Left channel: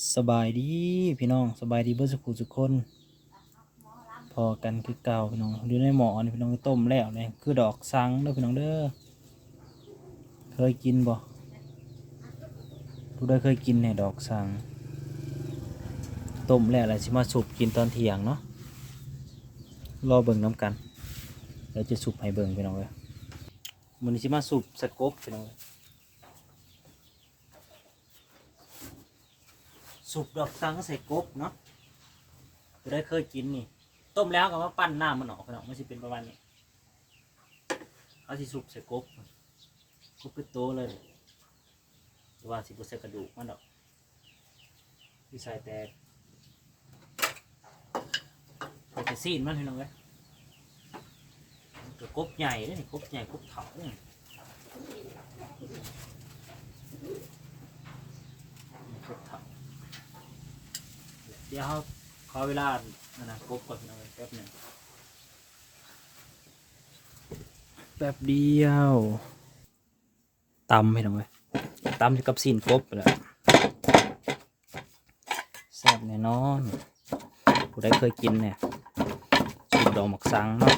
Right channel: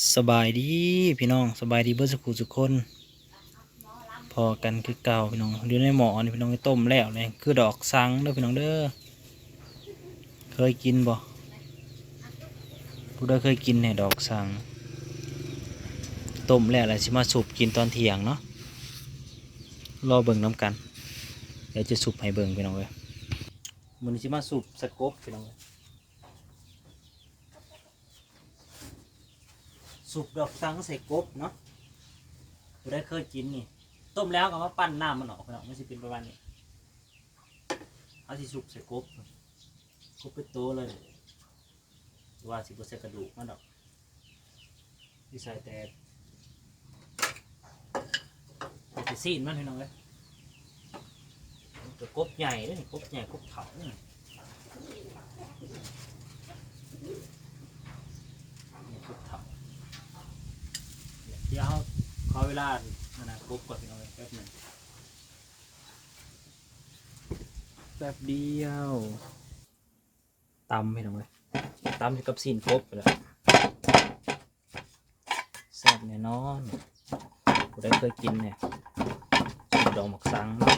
สบายดีพี่น้องสบายดีเบิร์สุขุสุกคน พอกันคือเก่าพี่น้องอยู่ในหมอนี่พี่น้องต้มแล้วเลยคือดอกสังเด้อพี่น้องเด้อเคยกินบ่ผู้ใดเคยกินเนี่ยดอกสังต้มแล้วอะไรสิมาสูบกินตอนเที่ยงเนาะรอเบิ่งน้ำกันเดี๋ยวจะสูบให้เบิ่งพี่น้องเลยมันสิมาสูบสกบพี่น้องเลย สุกดอกสังใส่กบเนาะจะได้เคยกินนี่ ต้มแล้วก็มาปั้นหน้ำมันออกเนาะมันสิเป็นประมาณนี้เอาสิสุกใส่กบกบเป็นโตเลยหรือว่าสิบใส่กระดูกมันดอกที่ใส่แต่แต่ซีนมันให้น้องเลยกบใหญ่เลยนี่กบใหญ่กบเถาเนี่ยนี่กบเถา เดี๋ยวขอเวลาอันนะกรุ๊ปก่อนพี่น้องแป๊บหนึ่งแป๊บเดียวตำพี่น้อยตำกับซีนกบแล้วแซ่บแน่นอนกูได้เคยกินเนี่ยซุปดอกหมักสังเนาะ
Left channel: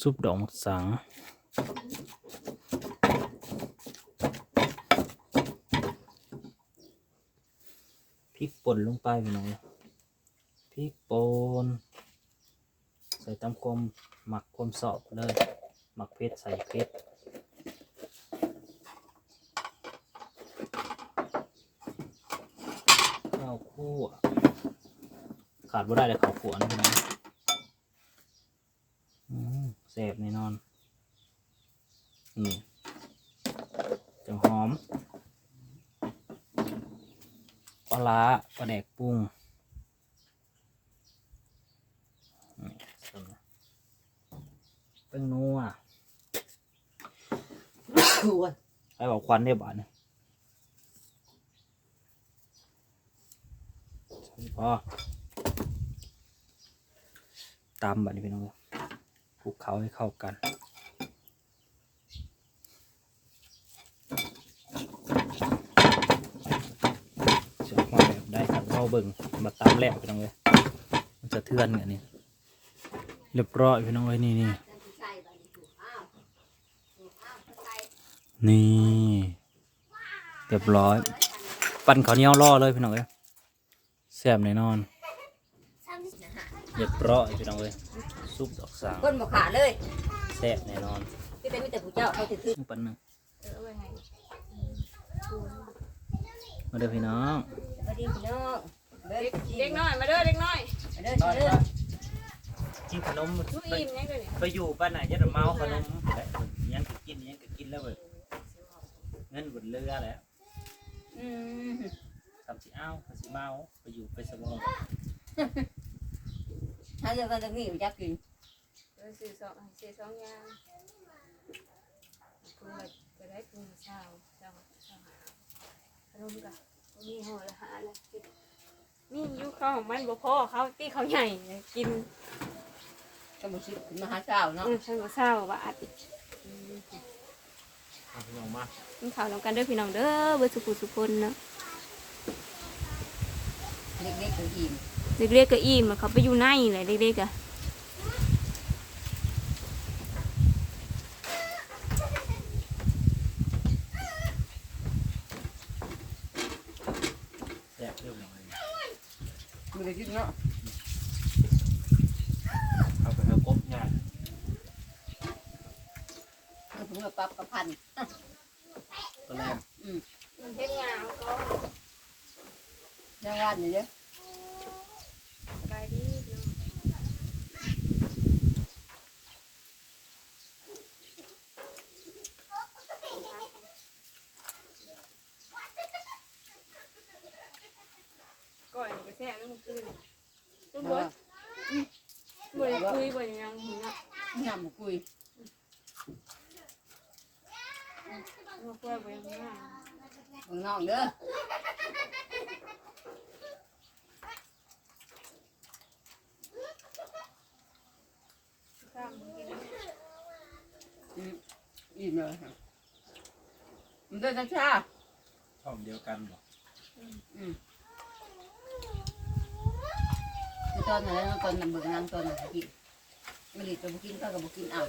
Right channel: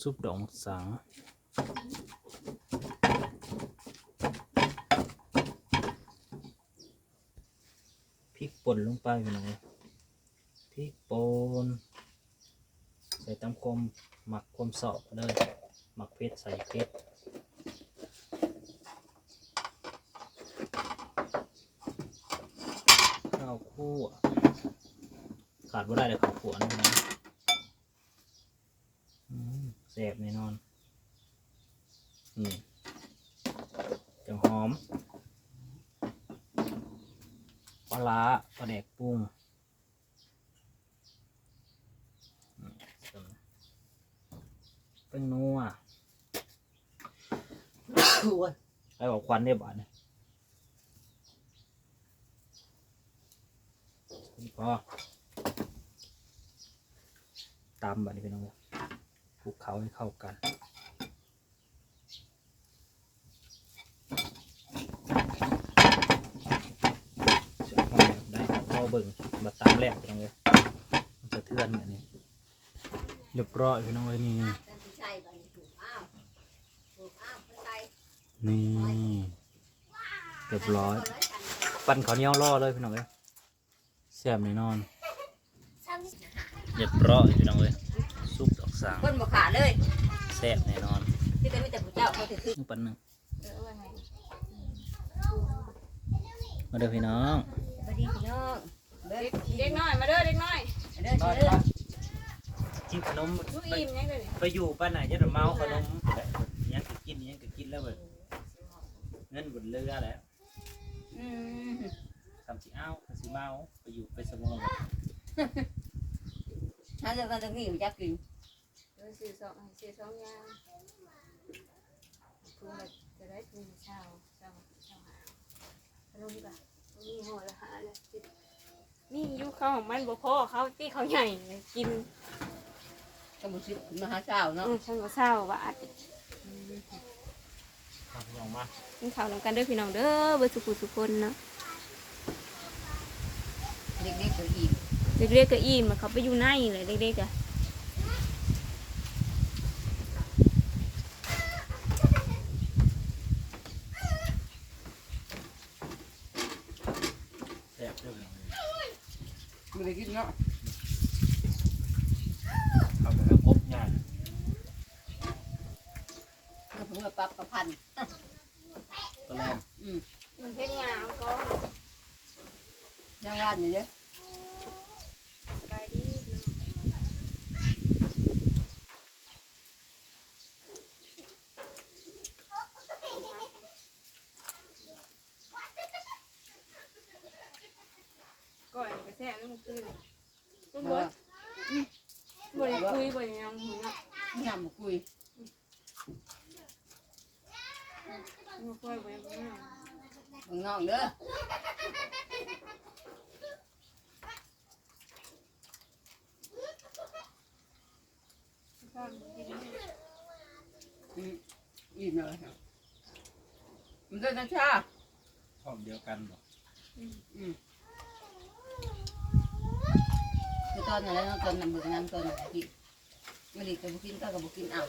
ซุปดอกหมักสัง พริก ป่นลงไปพี่น้องพริกป่นใส่ตำคมหมักคมสอบเลย หมักเพชรใส่เพชรข้าวคั่วขาดบ่ได้เลยข้าวคั่วนะพี่น้องอืมแซ่บแนนี่จังหอม ปลาร้าปลาแดกปรุงอืม เป็นนัวไปบอกควันได้บ้านยพอตามบัดนี้พี่น้องคลุกเขาให้เข้ากันเสียงห้อยแบบได้ครับเราเบิ่งมาตามแหลกไปน้องเลยมันจะเทือนเนี่ยนี่เรียบร้อยพี่น้องเอ้ยนี่นี่ นี่เรียบร้อย ปั่นข้าวเหนียวล่อเลยพี่น้องเอ้ยแซ่บแน่นอนเรียบร้อยพี่น้องเอ้ยซุปดอกสางคนบอกขาดเลยแซ่บแน่นอนพี่แต่มีแต่ผู้เจ้าเขาถือคือนี่ปั่นหนึ่งเออว่าไงมาเด้อพี่น้องสวัสดีพี่น้องเด็กเด็กน้อยมาเด้อเด็กน้อยเด้อเด้อกินขนมลูกไปอิ่มยังเลยเนี่ยไปอยู่ป้านไหนจะเมาขนมได้ยังก็กินยังก็กินแล้วเบิด เงินบนเรือแล้วอืมทำสิอ้าวทำสิเมาไปอยู่ไปสมองถ้าเรื่องกันตรงนี้อยู่จักกินเออสี่สองสี่สองอยางปรุงแบบจะได้ปรุงเช้าเช้าเช้าหาขนมกันนี่ห่อละหาเลยนี่ยุคเขาของมันบ่พอเขาตีเขาใหญ่กินก็มาชิมหาเช้าเนาะอืมฉันก็เศร้าบา ดทำพี่น้องมากินข้าวนำกันเด้อพี่น้องเด้อเบอร์สุขุสุคนเนาะเด็กๆก็อิ่มเด็กๆก็อิ่มอะเขาไปอยู่ในเลยเด็กๆอะ แซ่บเรียบร้อย มีอะไรกินเนาะ เอาไปเอากบย่าง ก็เพิ่ง มาปรับประพันธ์ตัวแรกอืมมันเป็นงานก็ยังงานอยู่เนี่ยสบายดีพี่น้องก่อนไปแซ่บแล้วมันคืนต้นเพบราะดว่าบดคุยบดยังหัวยำกุย มึงน้องเด้อข้ามกินเนี่ยอืมอิ่มเลยค่ะมันเดินชาช่องเดียวกันบ่มอืมคือตอนนั้นแล้วตอนนั้นเบิกนางตอนนั้นกินไม่ดีกับบุกินก็กับบุกินเอา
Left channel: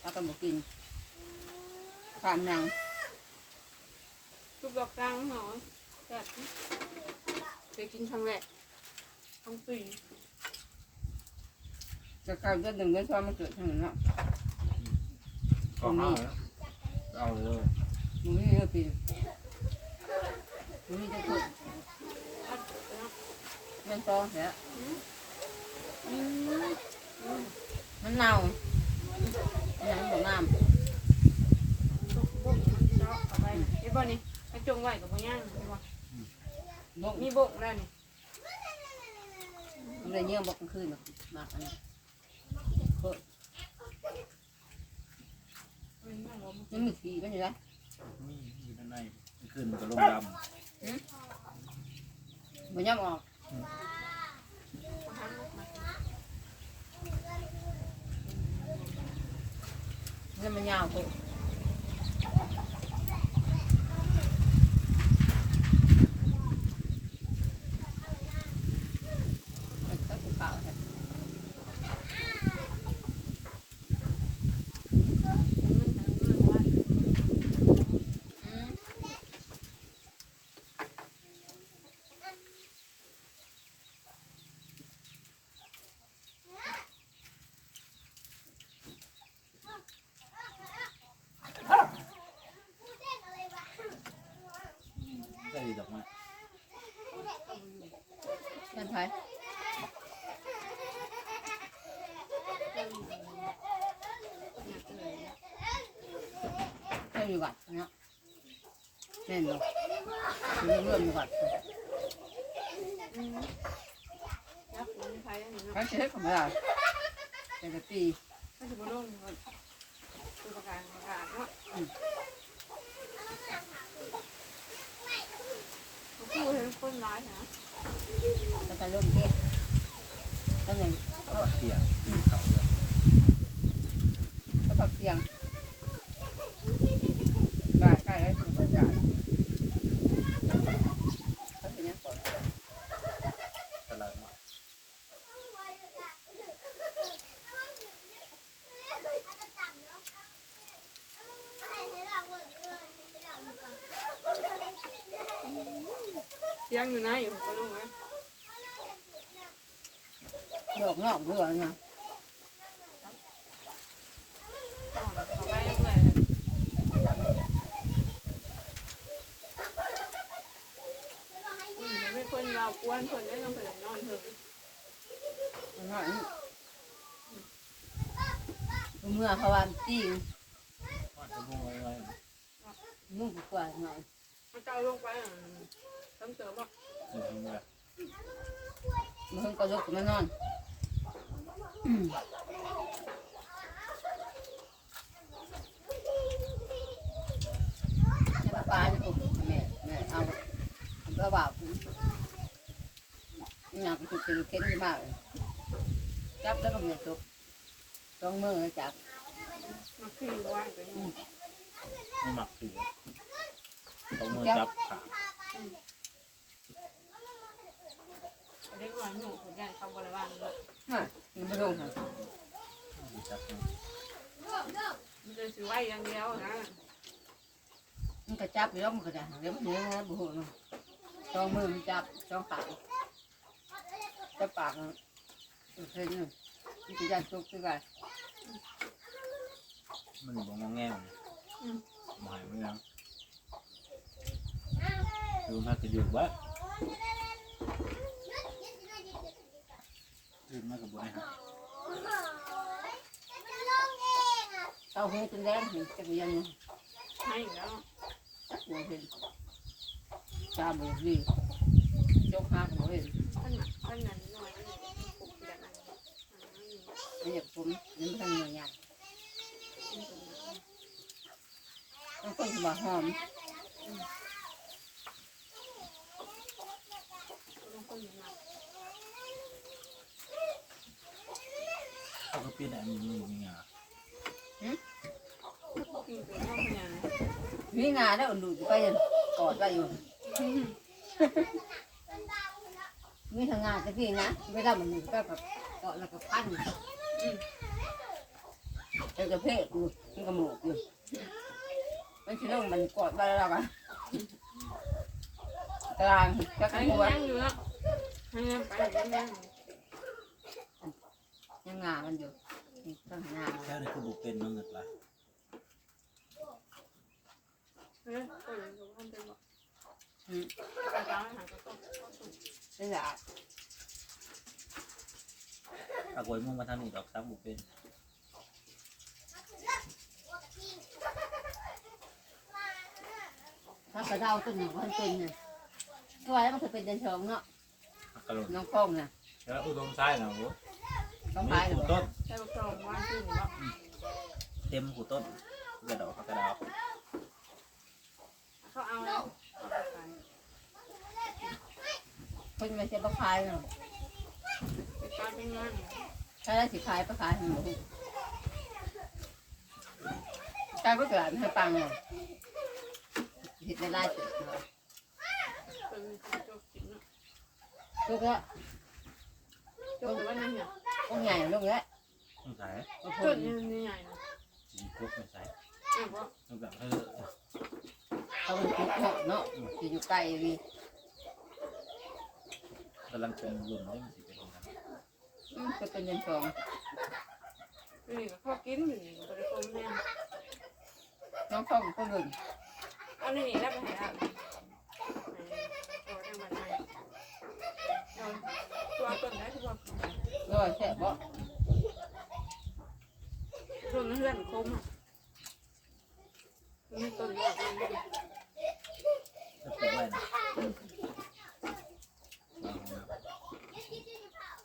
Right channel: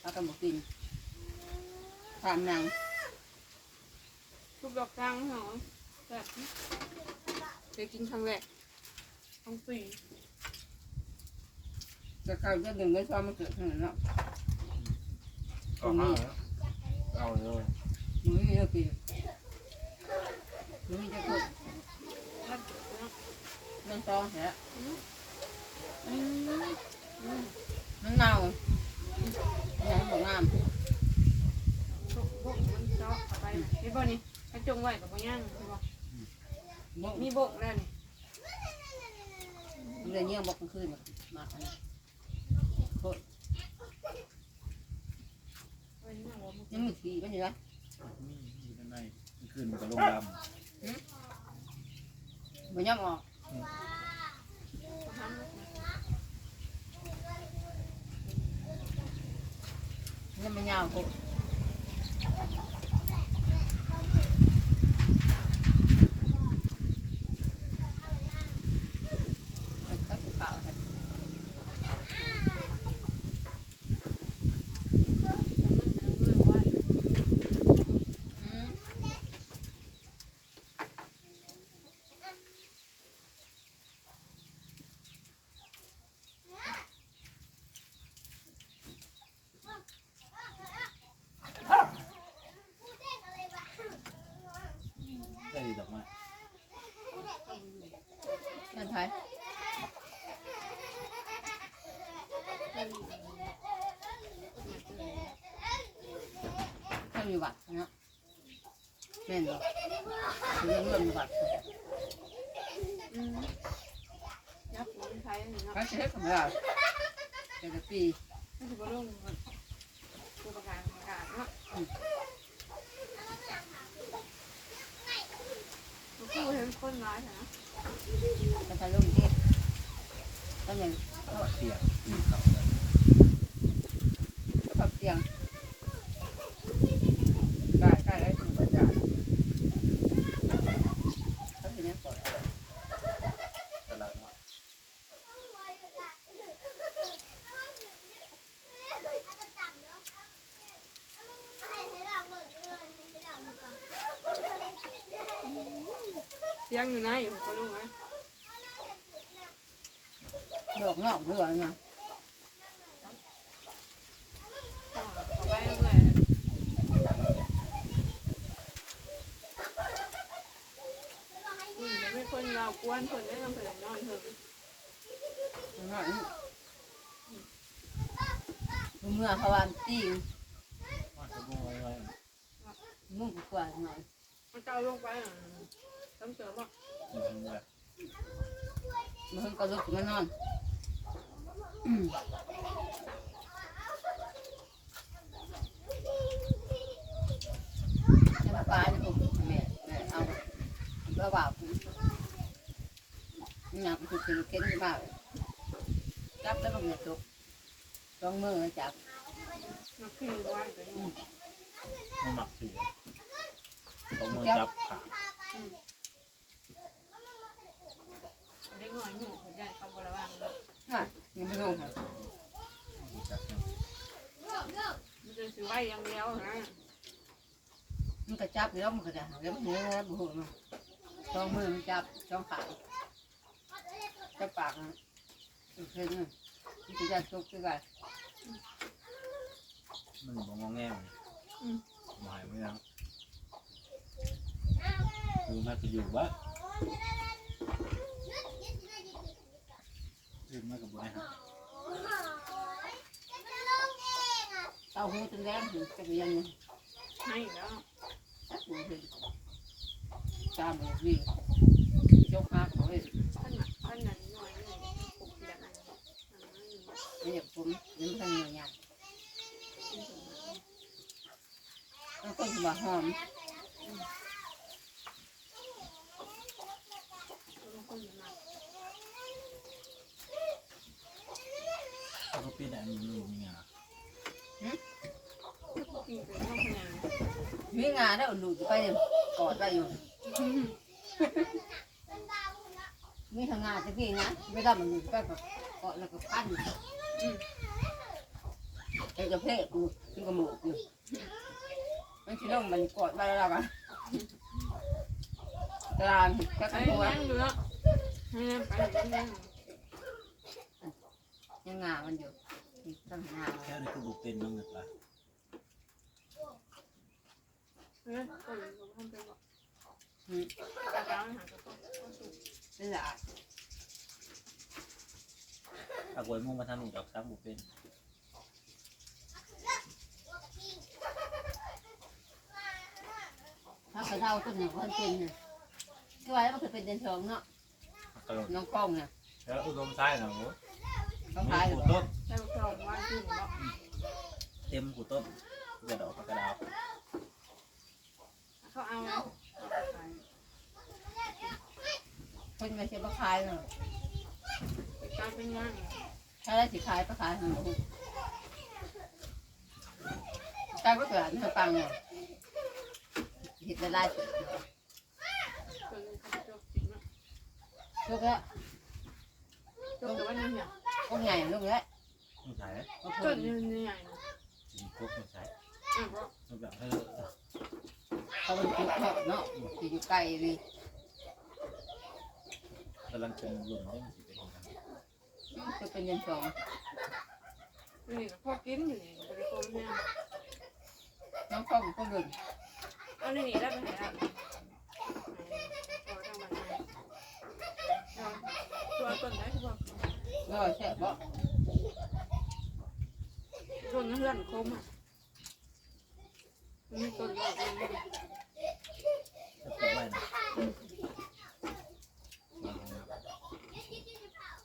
เอากับบุกินความนาง ทุกดอกกลางหน่อยแบบเคยกินครั้งแรกครั้งปีจะเข้าจะดึงก็ชอบมันเกิดขึ้นเนาะก็เอาแล้วเอาเลยมึงนี่ก็คือมึงนี่จะพูดถ้าเกิดนะมันตองเสียอืมอืมมันเน่าอันนั้นบอกงามบุกบุกมันเจาะเข้าไปนะไอ้บ่นี่ ไปจงไว้กับบ่ย่างใช่ปะบอกมีบุกแล้วนี่มันเลยเยี่ยงบอกกลางคืนแบบมากอันนี้วันนี้ยังว่ามันยังมีสีมันอยู่เลยมีอยู่ด้านในมันขึ้นมันก็ลงดมันยังออกบ่ทำนะมายังมันยาวกูก็จะเปล่าครับ ว่า อืมำได้ดีดอกไม้ เป็นไทยเขา อยู่วัดเนาะแม่นบ่คือเรื่องอยู่วัดอืมรับหลงไฟอันนี้เนาะ เขาเช็คของเราแต่ละปีมันสิบ่ลงมันตัวประกันประกาศเนาะมันคือเห็นคนร้ายนะก็ไปร่มเที่ยวก็ยังเอามาเที่ยงเขาเลย ก็พักเที่ยงได้ได้ได้ถึงบรรยากาศเขาเป็นนักก่อน ตลาดเนาะ ยังอยู่นะอยู่ก็ลงนะดอกงอกด้วยไงเอาไปเรื่อยอืมไม่คนเรากวนคนไม่ต้องคนนอนเถอะมันว่าเมื่อเขาวันตีว่าจะบุ้งไว้ไว้นุ่งกว่าหน่อยมันเจ้าลงไปต้องเติมอะ เดี๋ยวมันแบบมันก็ลุกมานอนจะปลาเนี่ยผมแม่แม่เอากระบาดหนักสุดคื เก้นที่บ้านจับแล้วก็มีตุกต้องมือจับมันคือว่าจะนี่ไม่หมักเสียเอามือจับขาเล็กน้อยหนูผมอยากเข้าบริวารเลยน่ยังไม่ลงค่ะจับเนี่ยมันจะซื้อไว้อย่างเดียวนะมันก็จับอยู่แล้วมันก็ได้แล้วมันเนื้อบุหุนต้องมือมันจับต้องปากจับปากเส้นมันจะจับตุกที่ไหนมันบอกงอแง่มันหมายไม่ยังคือมันก็อยู่บ้าน คือมันกับบริหารเต้าหูจนแดงถึงจะเรียนให้แล้วจักหัวเห็นตาบุวียกหักหัวเห็นท่านน่ะท่านนั้นหน่อยหนึ่งปลุกแบบนั้นไม่อยากผมยังทันเงียบงันต้องคนที่มาหอม คนมา นี่ยนอะไรมันมีงาคือเป็นข้าวขยันมีงานได้อุ่นดูไปกอดไว้อยู่มีทางงานจะพี่นะไม่ได้มันก็แบบเกาะแล้วก็พันแล้วก็เพะอยู่มันก็หมกอยู่มันชิลงมันกอดบ้านเราอะกลางก็ขันหัวยังอยู่แล้วให้ยังไปยังยังยังงามันอยู่ ตั้งหน้าแค่นี้คือบุเป็นน้องเงินละเฮ้ยก็ยังอยู่ทำเป็นบอกกระด้างหางก็ต้องต้องสูงนี่แหละอากวยมุ่งมาทางนี้ดอกซ้ำบุเป็นถ้ากระเดาต้นอย่างมันเป็นเนี่ยตัวไอ้มันเคยเป็นเดินชงเนาะอักกะโลนน้องกล้องเนี่ยแล้วอุดมไส้นะโอ้ ต้องมีพายหรือกูเปล่าต้นได้บอกเราว่าขึ้นแล้วเต็มกูต้นกระดอกกระดาวเขาเอาแล้วเอาไปขายคนมันจะมาขายเนาะไปขายเป็นเงินถ้าได้สิขายไปขายมันบอกกลายไปเกิดให้ปังเนี่ยเห็ดได้ไล่เสร็จเนาะเป็นเขาจบจริงเนาะลูกแล้วจบว่านั่นเนี่ย ลูกใหญ่ลูกเนี้ยต้องใช้ลูกต้เพิ่นนใหญ่ๆนะสีจุกไม่ใช้อ้าวบอกต้องแบบให้เขาเป็นจุกเนาะเนาะที่อยู่ใกล้วีกำลังเป็นหลุ่มได้มันสิเป็นยังไงอืมจะเป็นเดินชงนี่พ่อกินอยู่นี่บริโภคแน่น้องกล้องก็เบิ่งเอานี่แล้วไปหาเอาทางบ้านไหนเอาตัวต้นไหนคือว่า ก็แช่บ่ต้นเพื่อนคมอะมีต้นดอกเลยจะปลูกไว้นะวางของน้ำ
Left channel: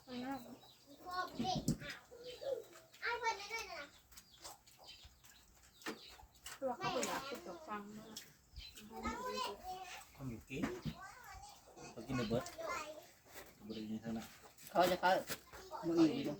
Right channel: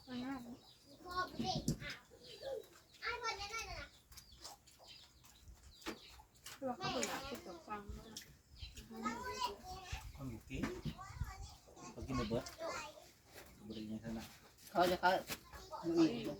อันนั้นตัวเขาเป็นอยากคิดกับฟังว่าความบุกี้เขากินในเบิร์ดบริเวณเท่านั้นเขาจะเขาดูอีกอยู่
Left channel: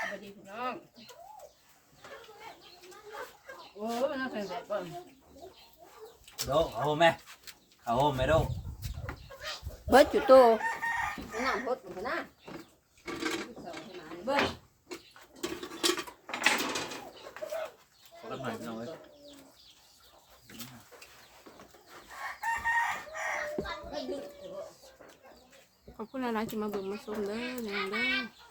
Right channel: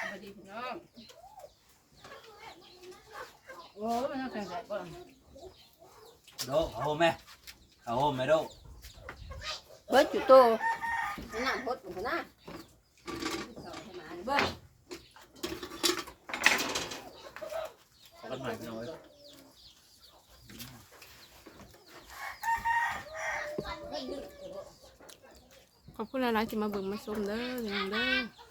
สวัสดีพี่น้อง โอ้ยมันน่าเป็นแบบก่อนโดเขาโฮมไหมเขาโฮมไหมโดเ